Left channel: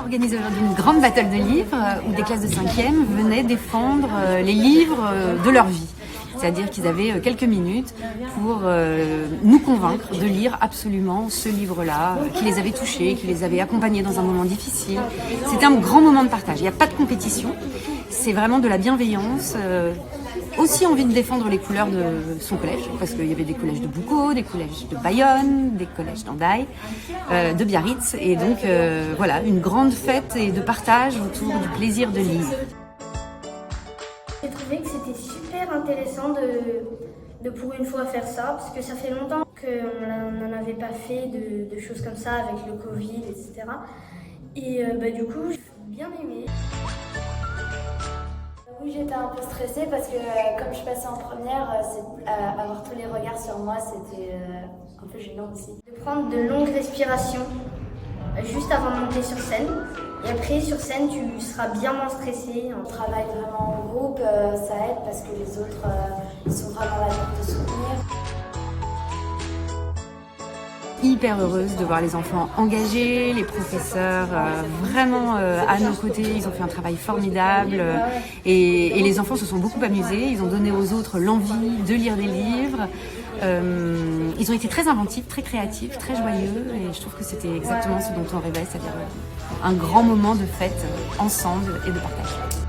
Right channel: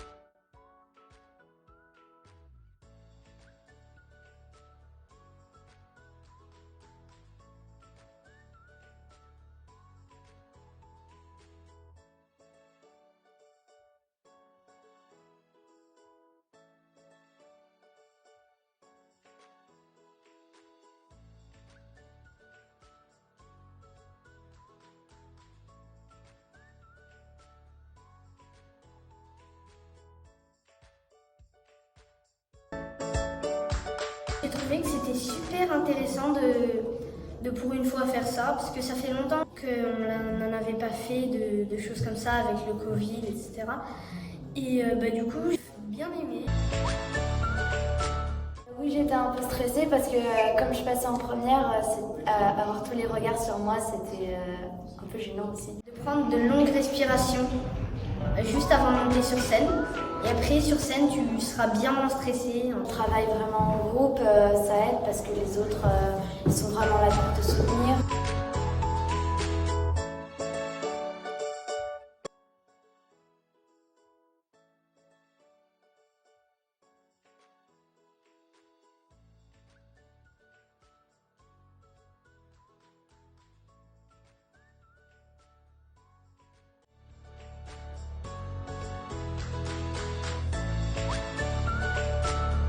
Organisé aujourd'hui une grande battle de livres où des classes de 5e venaient défendre les livres de leur vie. C'est-à-dire qu'ils avaient quelques minutes pour nous convaincre de lire absolument ce livre-là, qui les avait touchés, qui les avait accompagnés dans un moment difficile. C'était un grand moment de partage. Il n'y a pas de compétition, c'est vraiment de la bienveillance. Aussi envie de défendre les couleurs de son collège, parce qu'il y avait des collèges de Boucau, des collèges de Bayonne, des collèges d'Andaï, de Biarritz. Et donc voilà, une grande fête et de partage autour du plaisir de lire. J'ai trouvé que c'était super intéressant de pour une fois faire ça, parce que ça fait longtemps qu'on n'en avait pas fait de choses comme ça avec le Covid, etc. Et du coup, j'ai bien aimé. Oui, j'étais un peu stressée parce que comme je passais en première, avoir tous les regards sur moi, c'était un peu gênant aussi. De prendre de longues respirations juste avant de monter sur scène. Et après, sur scène, tu seras bien moins stressé. On travaille vraiment en groupe, ça aide parce que les autres, ils sont vraiment là pour te soutenir. Hyper heureuse de voir les enfants engagés, les professeurs vraiment à nos côtés, ils ont fait un travail formidable et les enfants se sont beaucoup amusés, ils ont donné aux autres l'envie de lire des livres, ils ont été très inventifs, très créatifs, très joyeux et je trouve que c'était exactement ce dont on rêvait, c'est-à-dire un grand moment de fête ensemble et de partage.